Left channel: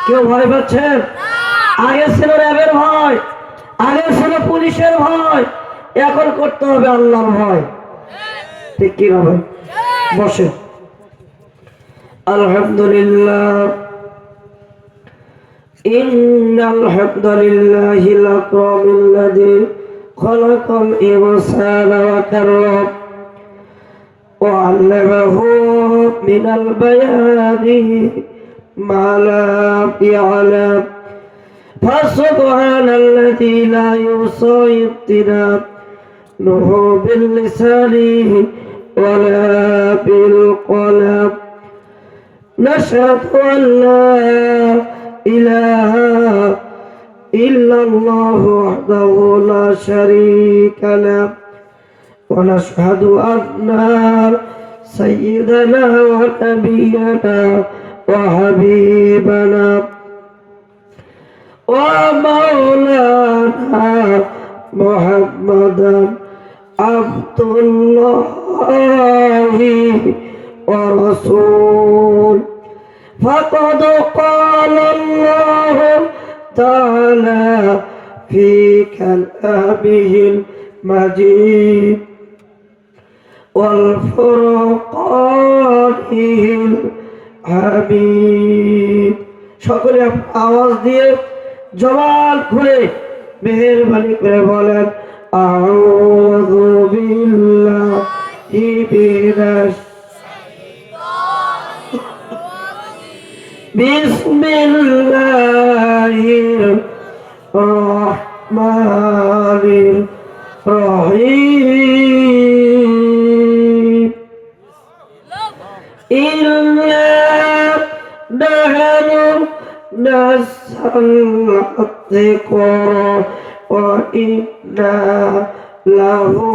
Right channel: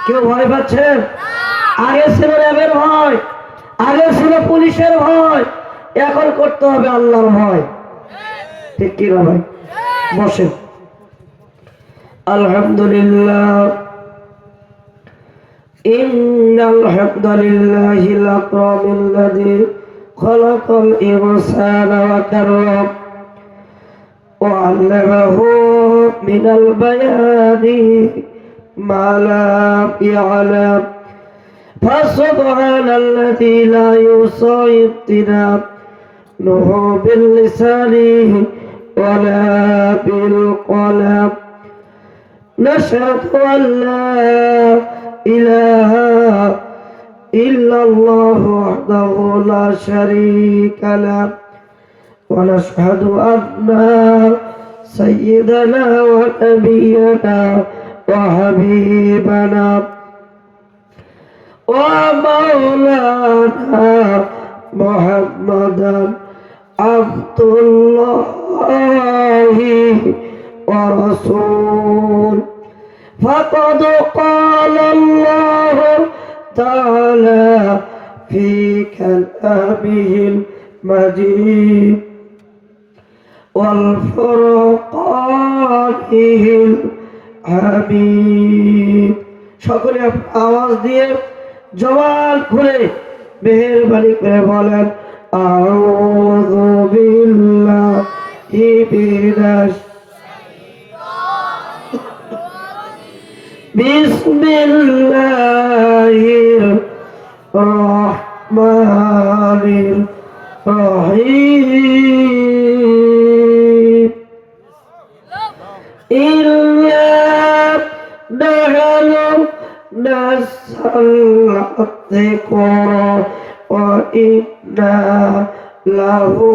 কেউ ভয় পাচ্ছেন আগে ছিল র্যাবের ভয় আগে ছিল পুলিশের ভয় এখন করতে হবে আল্লাহর ভয় ঠিক কি ভাই বসে আলহামদুলিল্লাহ إن الحمد لله الأكرم الذي خلق الإنسان وكرم وعلمه من البيان ما لا يعلم فسبحان الذي لا يوصى امتنان له باللسان ولا بالقلم. نشهد أن لا إله إلا الله وحده لا شريك له. ونشهد أن سيدنا ونبينا وحبيبنا ومولانا محمدا عبد الله ورسول فقد قال الله تعالى في كلامه المجيد. والفرقانه হাবিব। সকলে আওয়াজ দিয়ে জবান খুলে মেহরবানি করে বলেন আউযু বিল্লাহি মিনাশ বিসমিল্লাহির রহমান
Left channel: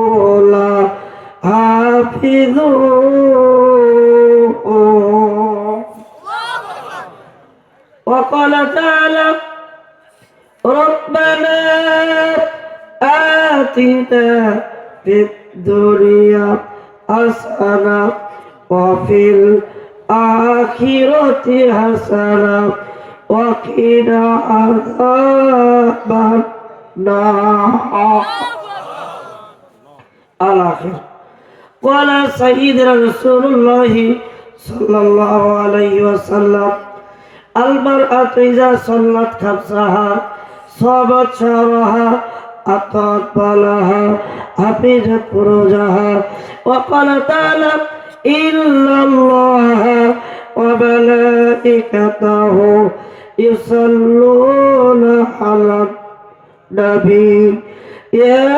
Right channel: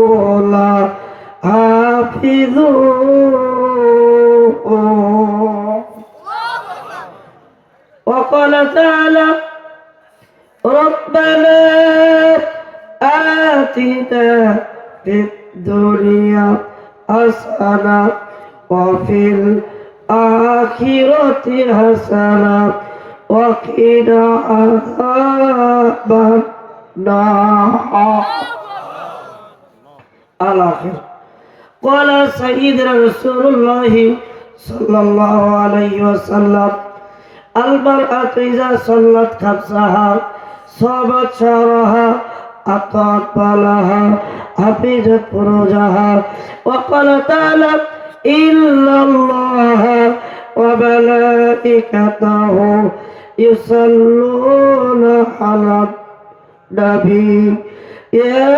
له لحافظون وقال تعالى ربنا آتنا في الدنيا حسنة وفي الآخرة حسنة وقنا عذاب النار الآخر قال سيدنا رسول الله صلى الله عليه وسلم المرأة إذا صلت خمسها صابت شعرها أطاعت بالها حفظت فروجها وقال تعالى إن الله وملائكته يصلون على النبي يا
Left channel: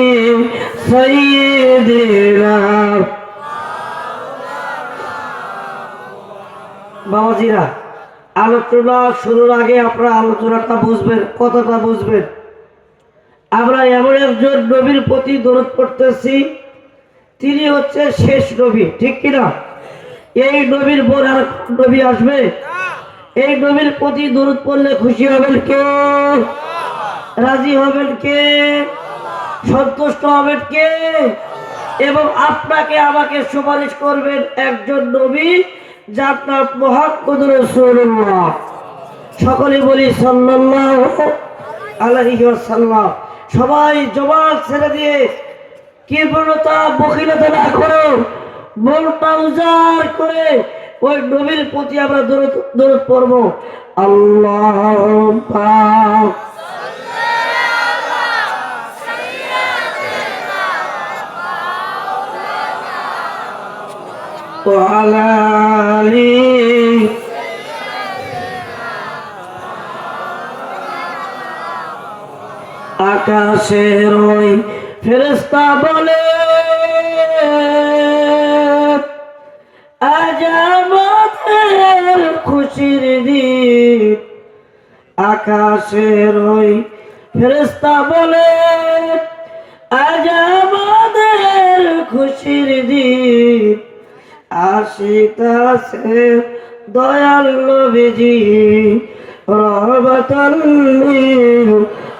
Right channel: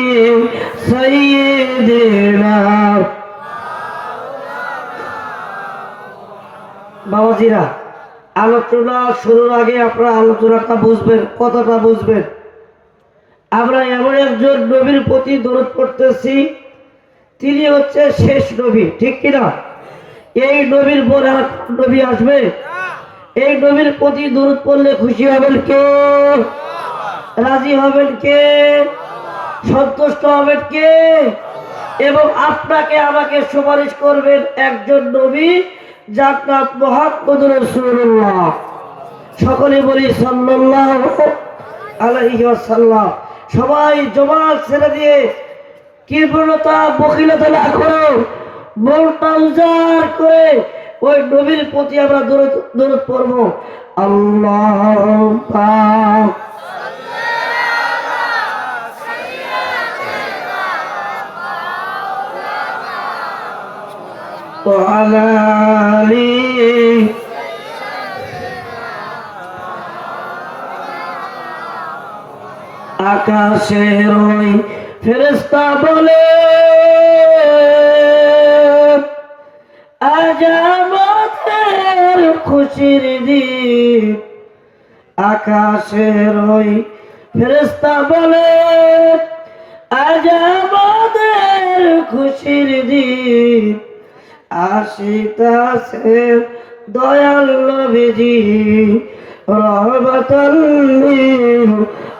বাবাজিরা আলোচনা শুরুর আগে আপনারা আলোচনাটা বুঝবেন, কথাটা বুঝবেন। আমরা এমন একজন নবীর প্রতি দরদ করতেছি তিনি হচ্ছে শেষ নবী, ঠিক কিনা এই নবীর পর আর নবী আসবে? এই নবীর প্রতি দরদ পড়লে খুশি হবেন কে? রাজি হবেন কে? সন্তুষ্ট হবেন কে? এবং আপনাকে আমাকে সুপারিশ করবেন একজন নবী নাম মোহাম্মদ রসুল্লাহ সকলে বলি সাল্লাল্লাহু আলাইহি ওয়াসাল্লাম। সবাই জবাব ছেড়ে দিয়ে কেবলতা বকিলতা না করো। মনটা উজাড় করে ওই নবীর প্রতি আমরা দূরত দূরত পড়ব। আল্লাহ আকাশের ওই ফেরেস্তা বলে, আজ খুশির দিন। আকাশের ওই ফেরেস্তা বলে, আজ আমাদের খুশির দিন। আসিতাছে দয়াল নবীজি, রহমতাল্লিল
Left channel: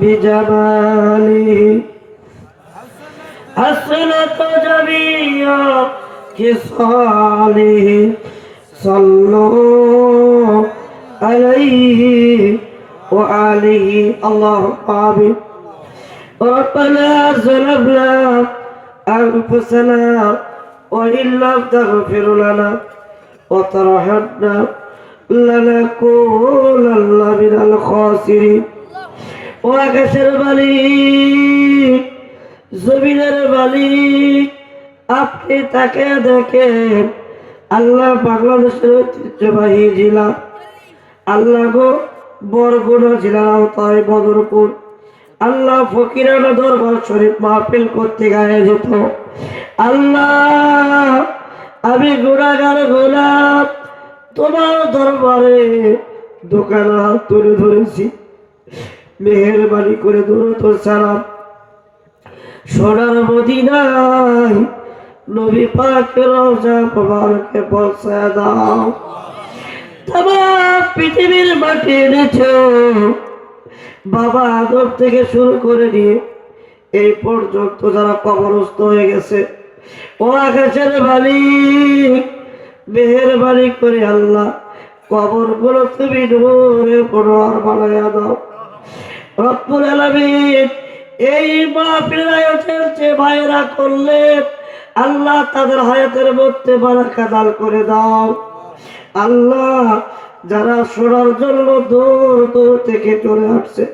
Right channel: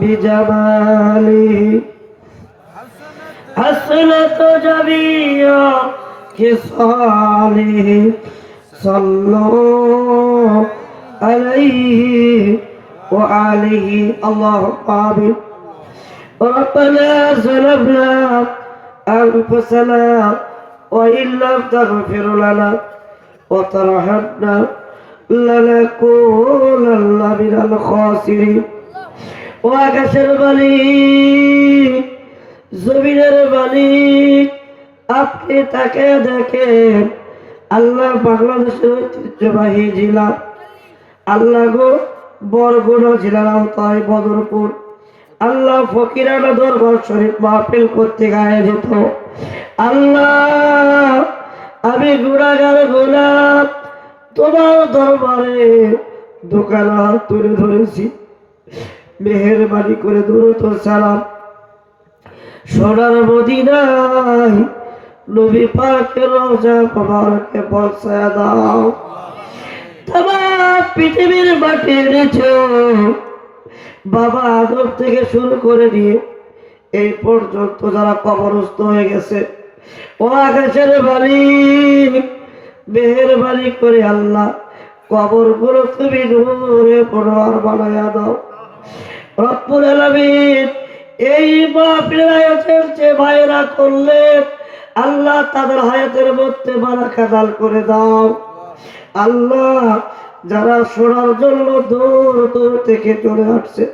بجماله حسنت جميع خصاله صلوا عليه وعليه الله آمين ربنا ظلمنا أنفسنا وإن لم تغفر لنا وترحمنا لنكونن من الخاسرين ও আকাশের মালিক, জমিনের মালিক, আপনি তাকে দেখেন আল্লাহ বাংলাদেশের ঐতিহ্যবাহী জেলা, আল্লাহ গো বরগুনা জেলার আওতায় বদরপুর, আল্লাহ ফকির দরবার শরীফ মাহফিল করতে গায়ে যেত আল্লাহ, আমি গুণাগার গোলাপ তোমার দরবারে দোকান তুলে ধরেছি। মেহরবানি করে দূরত সালাম। সোনার মদিনায় নবী পাকের রওজা মোবারকে পৌঁছায় দাও। তোমার পৃথিবীর মাটি এনেছে বাবা আদর থেকে শুরু করে নিয়ে এই পর্যন্ত যারা কবরস্থ হয়ে গেছে, ও আকাশের মালিক, মেহেরবানি করে আল্লাহ কবরগুলো তুমি নূরে পনোয়ার বানায় দাও। রব্বুল আলামিন এই মাহফিলের আয়োজন যে ভাইরা করলেন, আল্লাহ তাদের হায়াতের মধ্যে বারাকা দান করে দাও। আল্লাহ, যারা শোনার জন্য দূর দূর থেকে চলে আসছে